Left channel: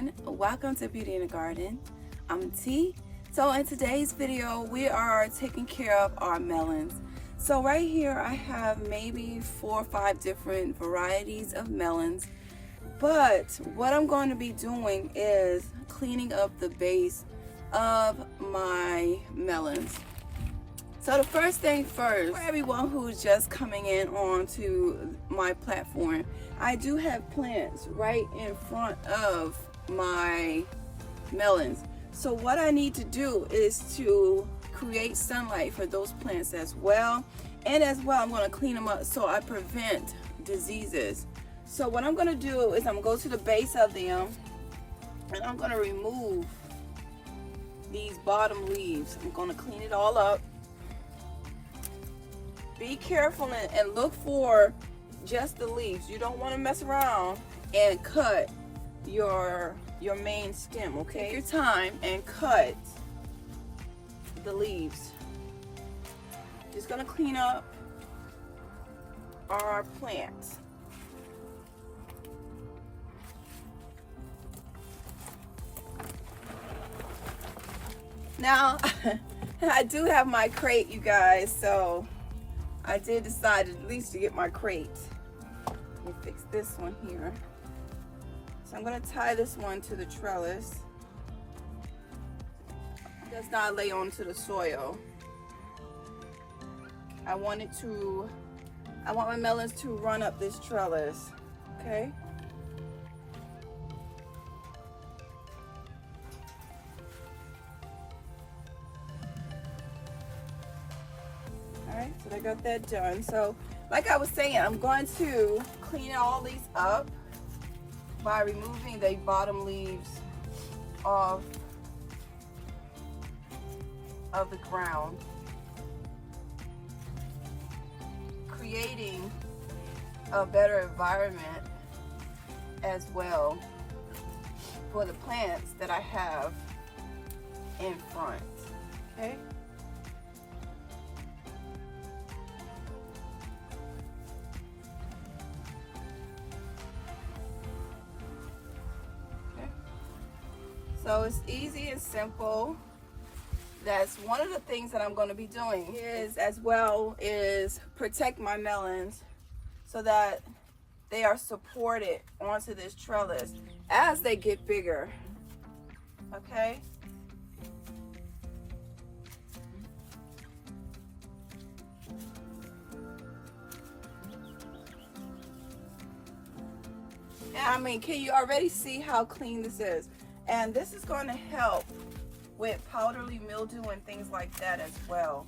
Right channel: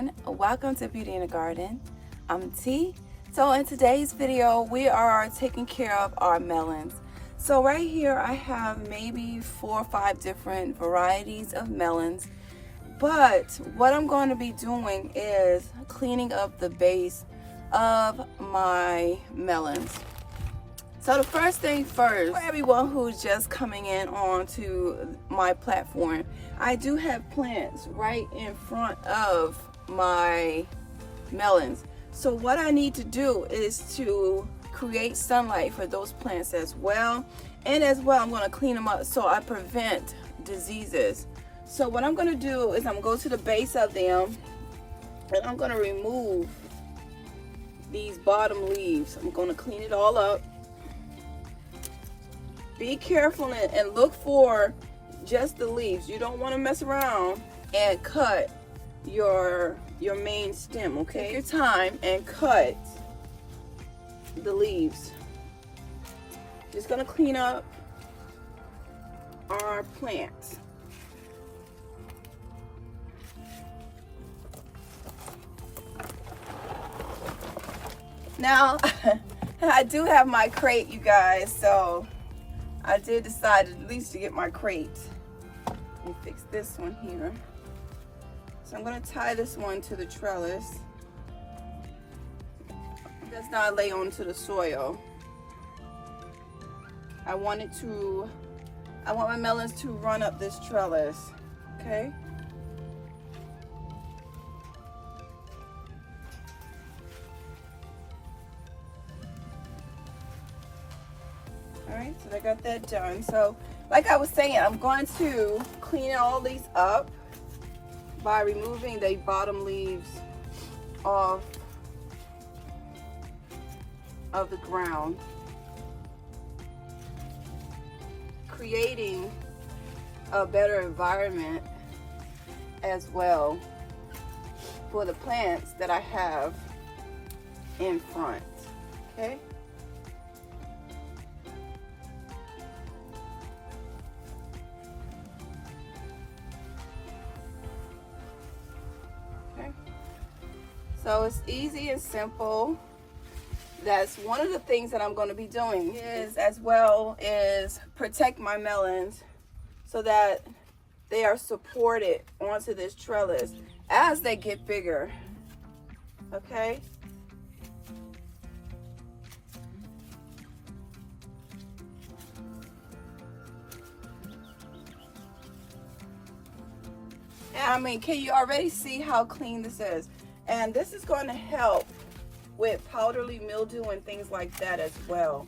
everyone, welcome to Beauty in the Garden. I'm T. So in today's video we are taking care of our melons. So right here I have maybe 4 or 5 different varieties of melons, but what I'm going to be doing is cleaning up the base of my melons. So the first thing first, for everyone who's just coming in onto my platform, I do have plants right in front of my melons. So what I need to do is to create sunlight for those plants as well. And as well, I'm going to clean them up so I prevent diseases. So what I'm going to do is I'm going to go to the base of them and I'm going to remove these bottom leaves. I'm going to clean it all up. Be careful and look for just the leaves. You don't want to mess around and cut your main stem, okay? Take your time and cut the leaves. Just gonna clean up our plants. Now, I do have my crate, you guys, so I did decide at least to get my crate. Let me fix this one here. So I'm going to tie this one to the trellis. It does not lay onto the soil. I want my melons to run up this trellis, okay? So I got that done. So like I was saying, I'm going to clean all these up by removing the bottom leaves off of the ground, creating a better environment as well for the plants that I have in front, okay? So it's easy and simple. That's one of the things that I'm going to be doing is protect my melons so that they are supported onto this trellis as they get bigger. Okay? And I mean, can you already see how clean this is? And this is going to help with powdery mildew and things like that as well.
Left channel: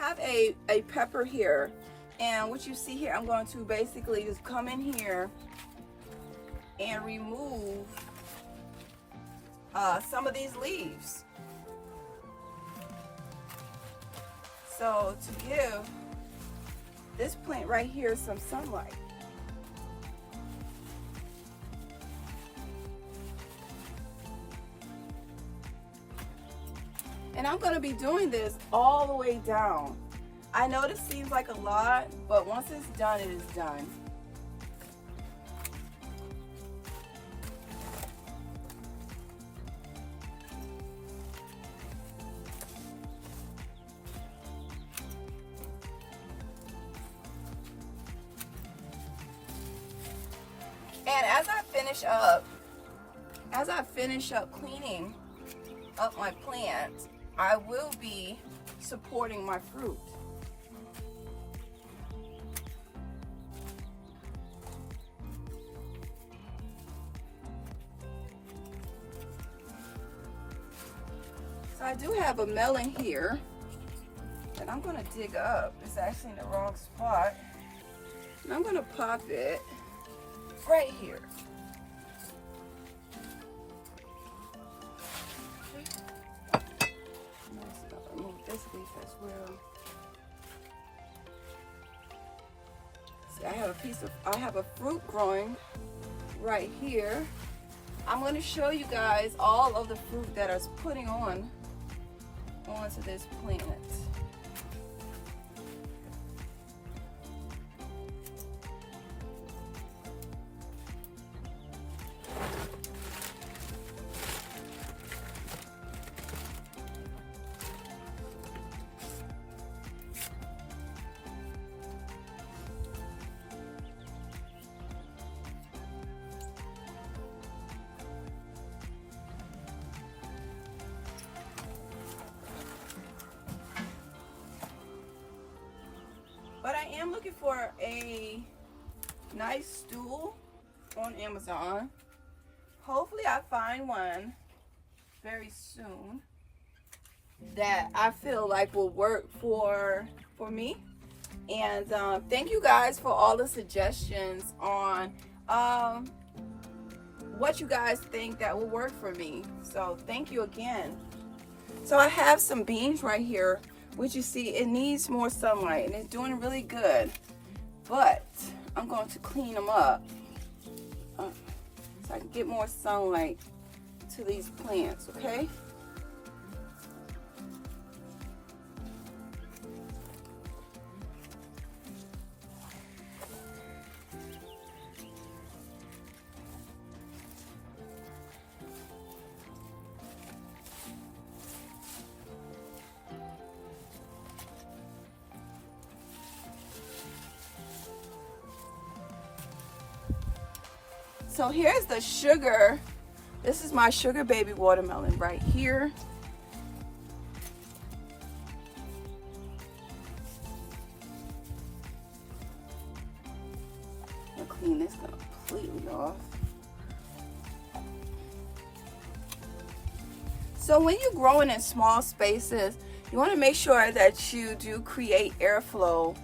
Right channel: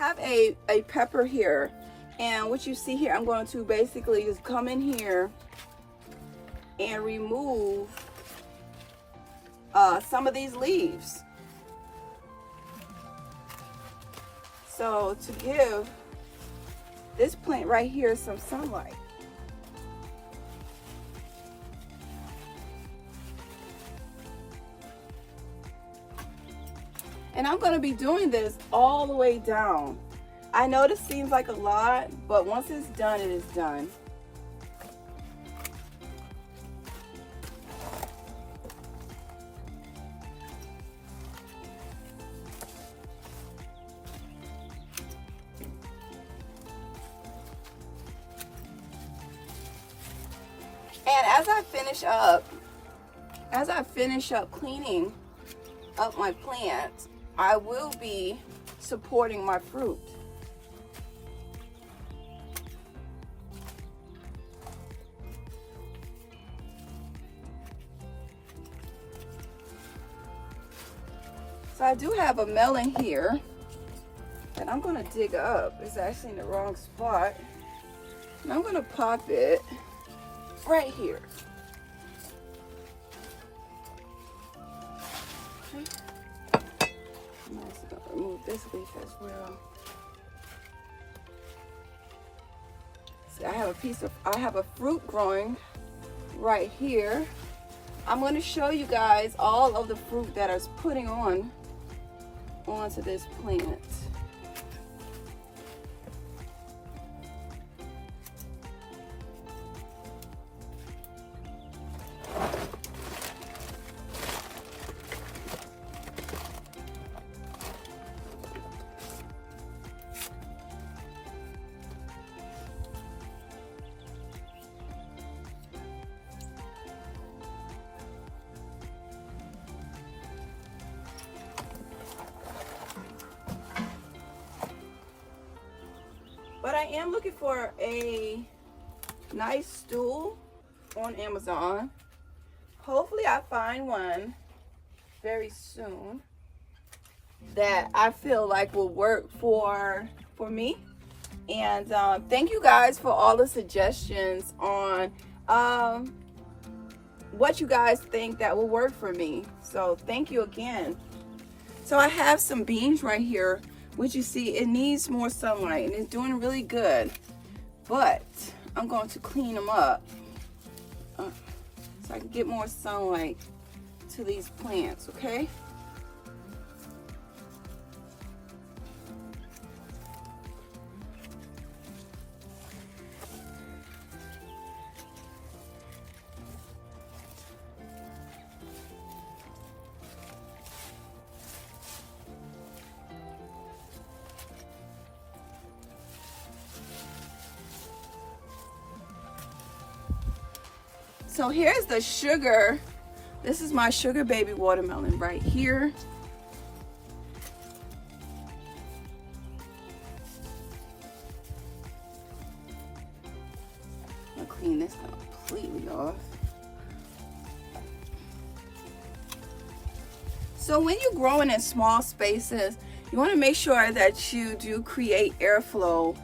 I have a pepper here, and what you see here, I'm going to basically just come in here and remove some of these leaves, so to give this plant right here some sunlight. And I'm going to be doing this all the way down. I know this seems like a lot, but once it's done, it is done. And as I finish up cleaning up my plants, I will be supporting my fruit. So I do have a melon here that I'm going to dig up. It's actually in the wrong spot. And I'm going to pop it right here. I'm also going to remove this leaf as well. See, I have a fruit growing right here. I'm going to show you guys all of the fruit that I was putting onto this plant. But I am looking for a nice stool on Amazon. Hopefully I find one very soon that I feel like will work for me. And thank you guys for all the suggestions on what you guys think that will work for me. So thank you again. So I have some beans right here, which you see it needs more sunlight and it's doing really good, but I'm going to clean them up so I can get more sunlight to these plants, okay? So here's the sugar. This is my sugar baby watermelon right here. I'll clean this completely off. So when you're growing in small spaces, you want to make sure that you do create airflow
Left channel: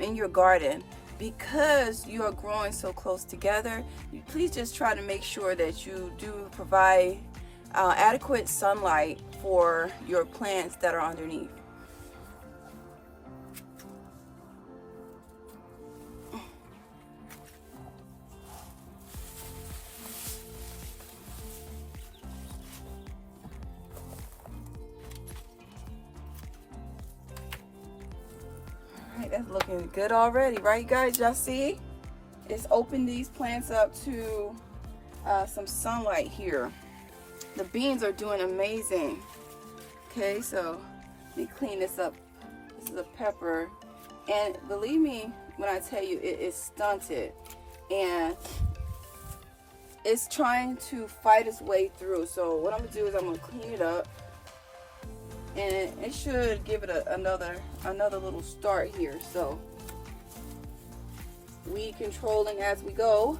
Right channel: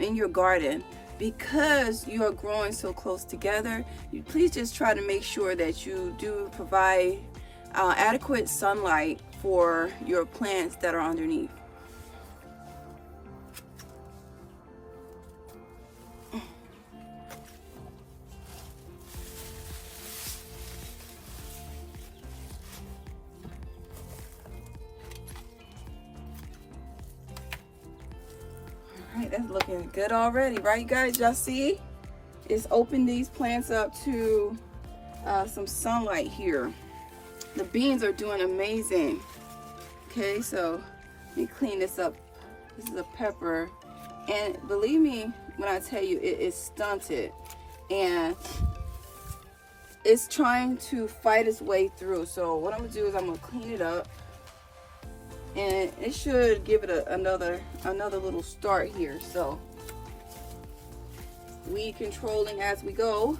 in your garden. Because you are growing so close together, please just try to make sure that you do provide adequate sunlight for your plants that are underneath. Alright, that's looking good already, right guys? Y'all see? It's opened these plants up to some sunlight here. The beans are doing amazing. Okay, so let me clean this up. This is a pepper. And believe me when I tell you, it is stunted. And it's trying to fight its way through. So what I'm going to do is I'm going to clean it up. And it should give it another little start here. So weed controlling as we go.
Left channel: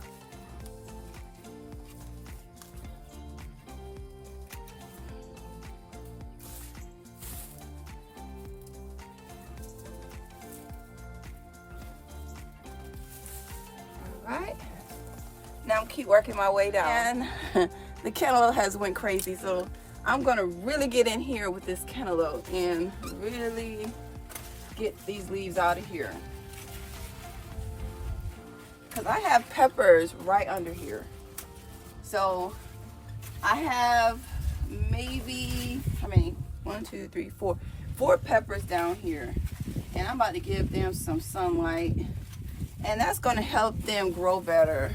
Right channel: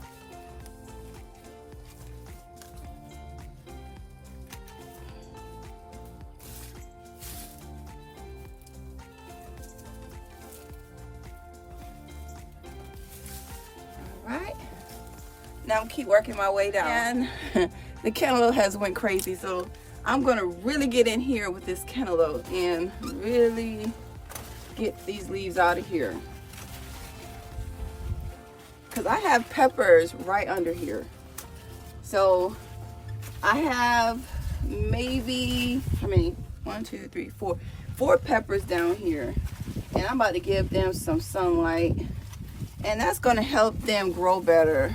All right. Now I'm keep working my way down. And the cantaloupe has went crazy, so I'm gonna really get in here with this cantaloupe and really get these leaves out of here. Cause I have peppers right under here. So I have maybe, how many? 1, 2, 3, 4. 4 peppers down here. And I'm about to give them some sunlight. And that's gonna help them grow better.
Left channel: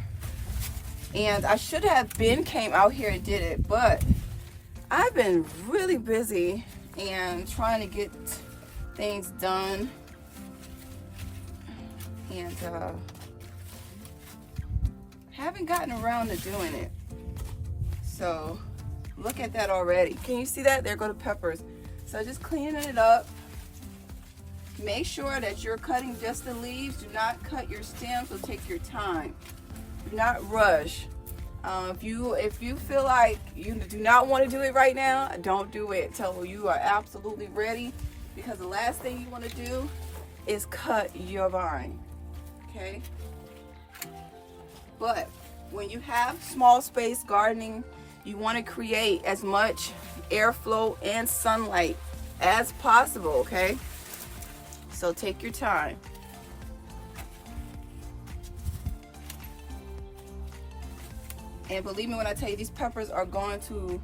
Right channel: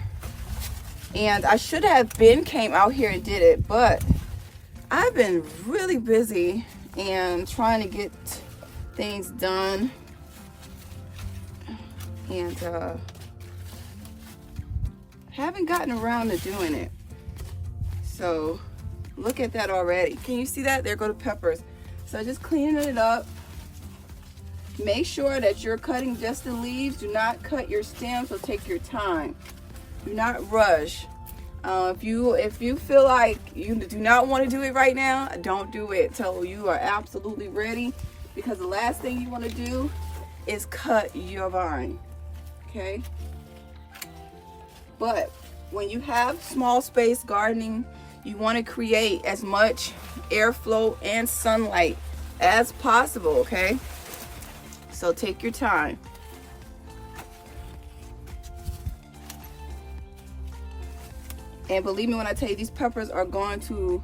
And I should have came out here and did it, but I've been really busy and trying to get things done, and haven't gotten around to doing it. So look at that already. Can you see that? There go the peppers. So just cleaning it up. Make sure that you're cutting just the leaves. Do not cut your stems, so take your time. Do not rush. If you feel like you do not want to do it right now, don't do it till you are absolutely ready, because the last thing you want to do is cut your vine. Okay? But when you have small space gardening, you want to create as much airflow and sunlight as possible, okay? So take your time. And believe me when I tell you, these peppers are going to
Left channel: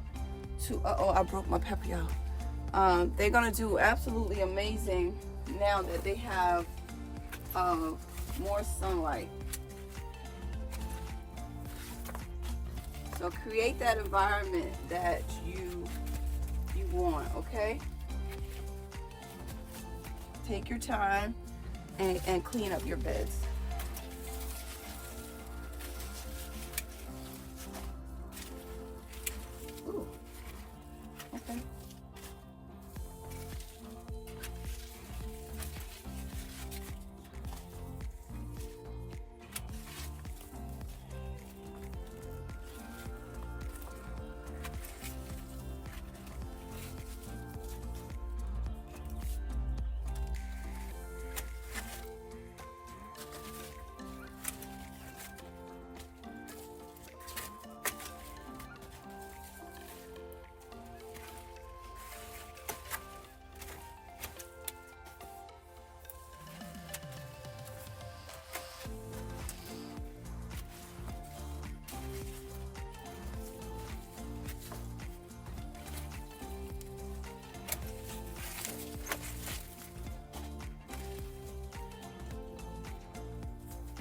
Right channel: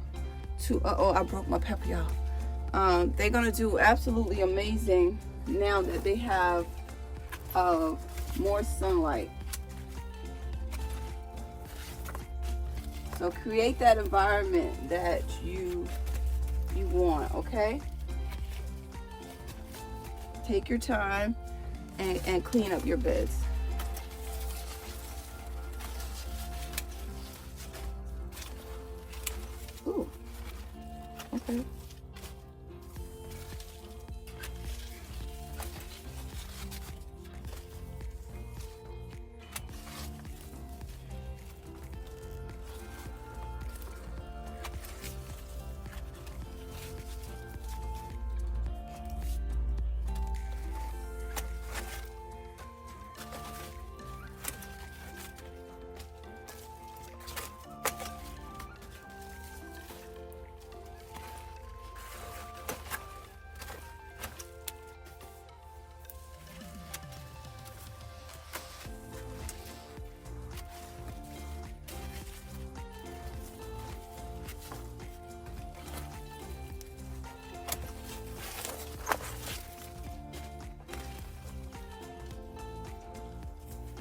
uh-oh, I broke my pepper, y'all. They're gonna do absolutely amazing now that they have more sunlight. So create that environment that you want, okay? Take your time and clean up your beds. Ooh, okay.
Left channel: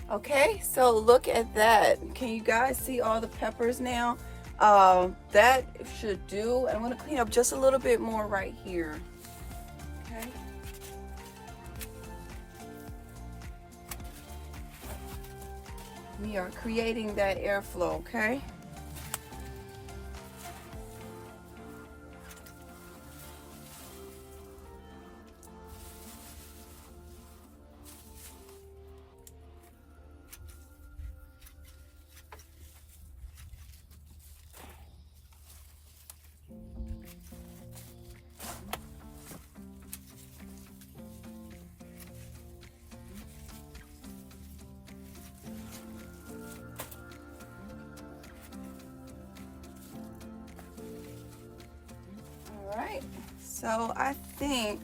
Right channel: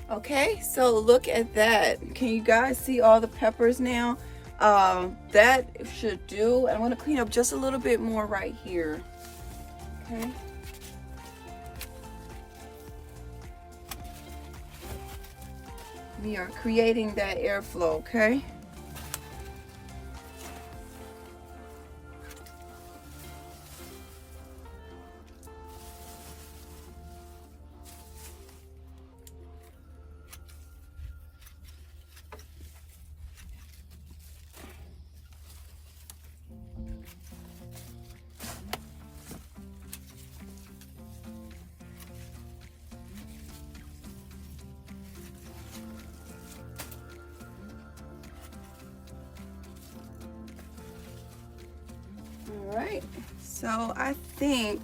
Okay, so look at that. Can you guys see all the peppers now? That should do. I'm going to clean up just a little bit more right here. Okay. We are creating that airflow, okay? All right, so I think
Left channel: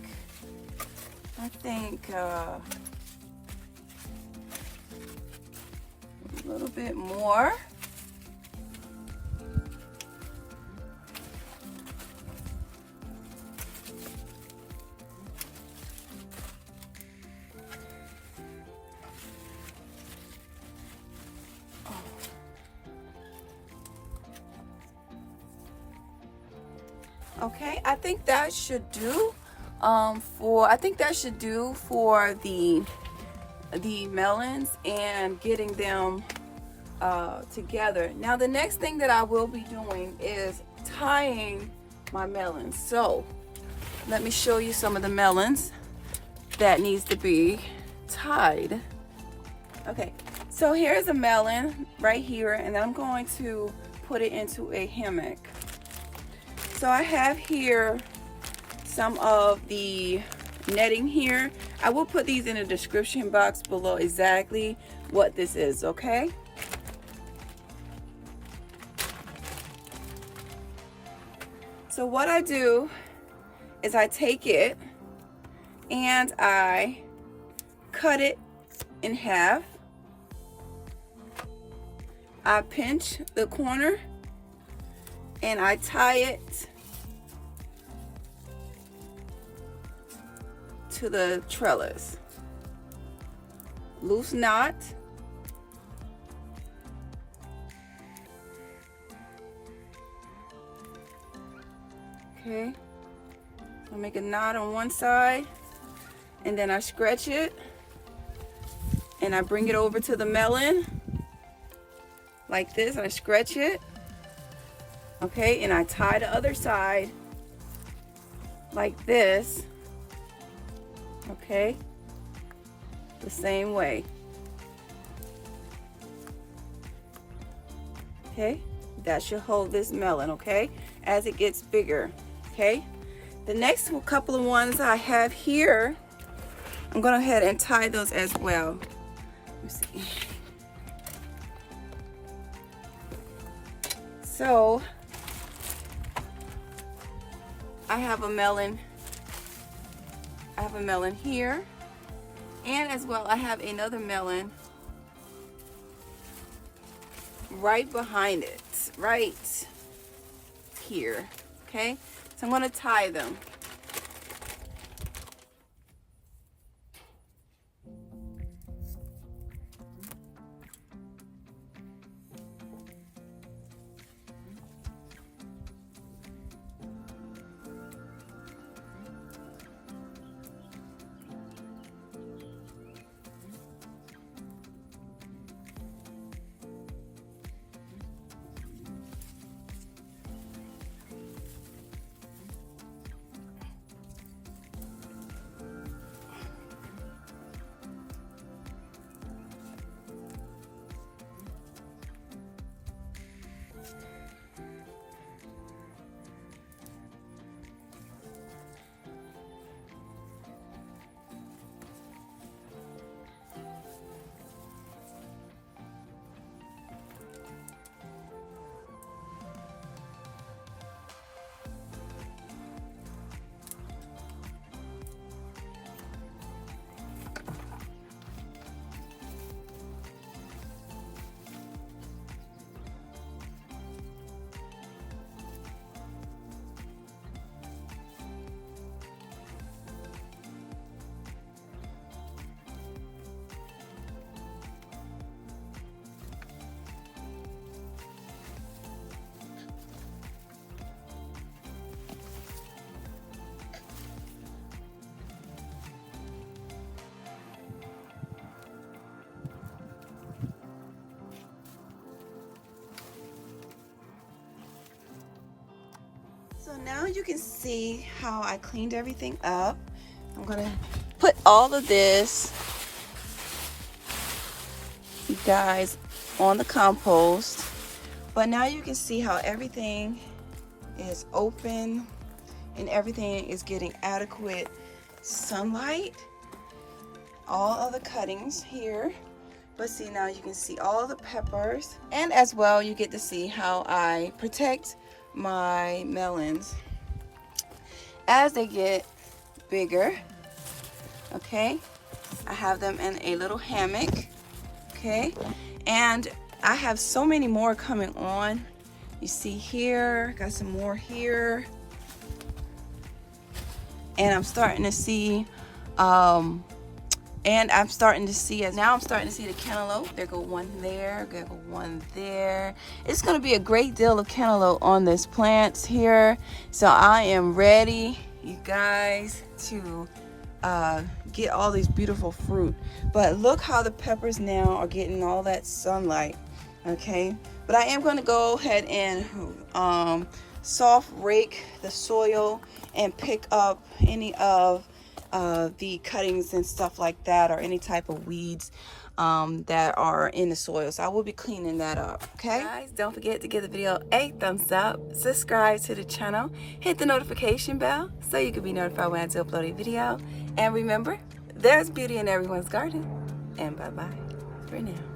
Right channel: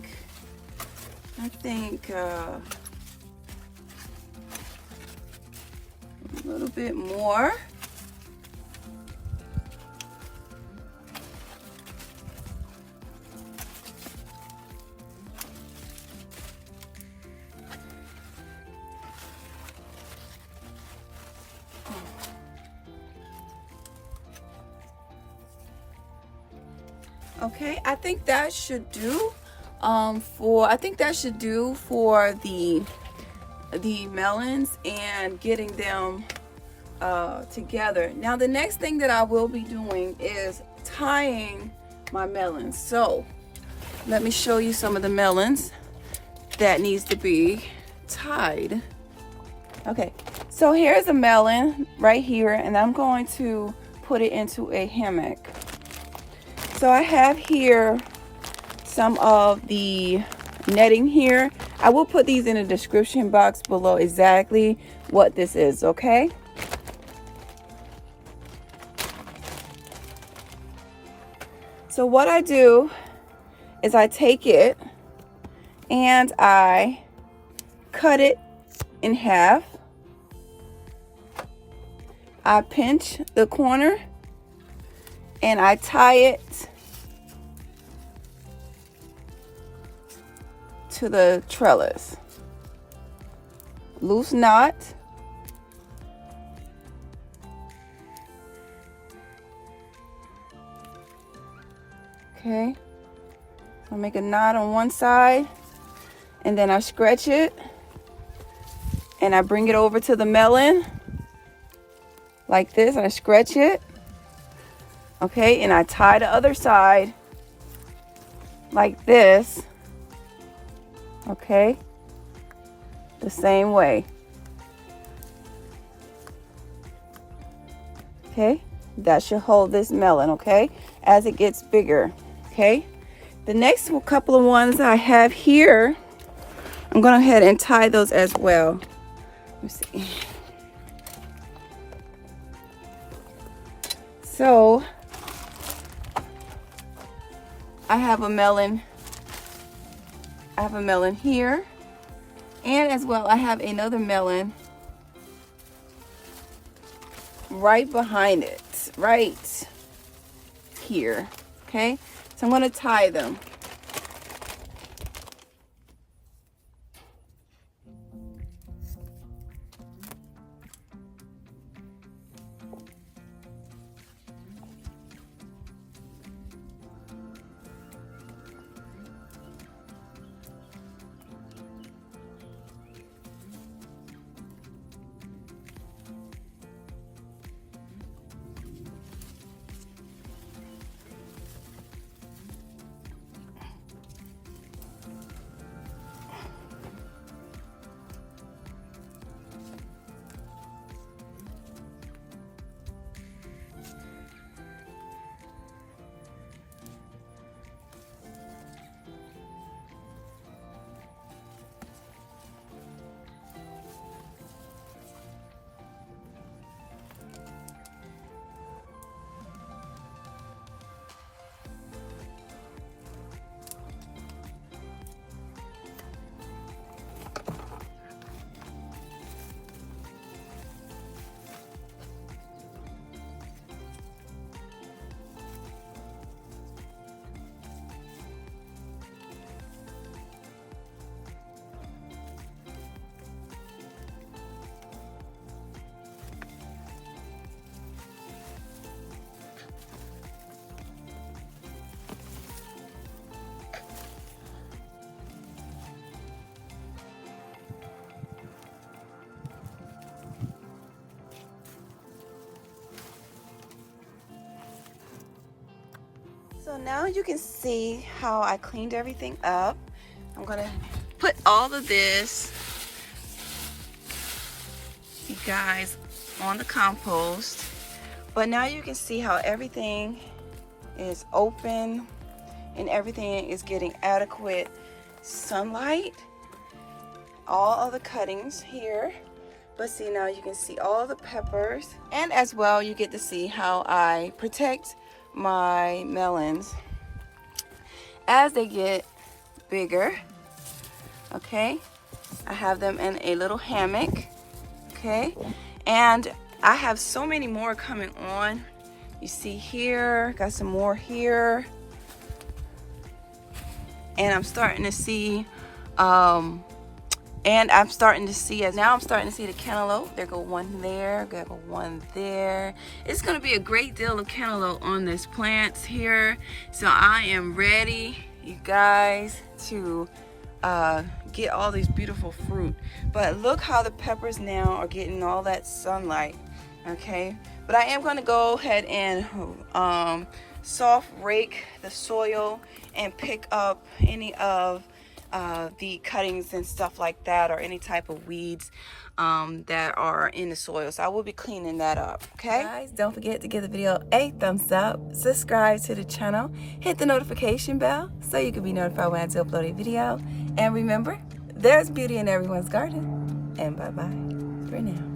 a little bit more. Okay, I think that should do for the melons and getting them together. Now the next thing that I will be doing is tying my melons. So let me show you some of the melons that needs to be tied. Okay, so here's a melon right here, and I'm going to put it into a hammock. So I have here some of the netting here. I will put these in the description box below exactly what this is, okay? So what I do is I take it and I cut it in half. I pinch the corner and I tie it to the trellis. Loose knot. Okay, so make a knot on one side and then I stretch it and I bring it over to the melon like this. I stretch it, okay, and I tie the other side like this, okay, the same way. Okay, that should hold this melon, okay, as it gets bigger. Okay, the next couple of ones I have here, I'm going to go ahead and tie those as well. Let me see. So I have a melon here, and as well I have another melon right behind it, right here. Okay, so I'm going to tie them. So now you can see how I cleaned everything up. I'm gonna put all of this, you guys, on the compost. But now you can see how everything is open and everything is getting adequate sunlight. All of the cuttings here. But see, now you can see all the peppers. And as well, you get to see how I protect my melons as they get bigger. Okay, I have them in a little hammock. Okay, and I have so many more coming on. You see here, got some more here, and I'm starting to see now I'm starting to see the cantaloupe. There go one there, there go one there. It's going to be a great deal of cantaloupe on this plant here. So I am ready, you guys, to get all these beautiful fruit. But look how the peppers now are getting all that sunlight. Okay, but I am going to go ahead and soft rake the soil and pick up any of the cuttings and stuff like that, or any type of weeds that are in the soil. So I will be cleaning that up. Okay, guys, don't forget to give the video a thumbs up, subscribe to the channel, hit the notification bell so you can be notified when I do upload a video. And remember, there's beauty in everyone's garden. And bye bye for now.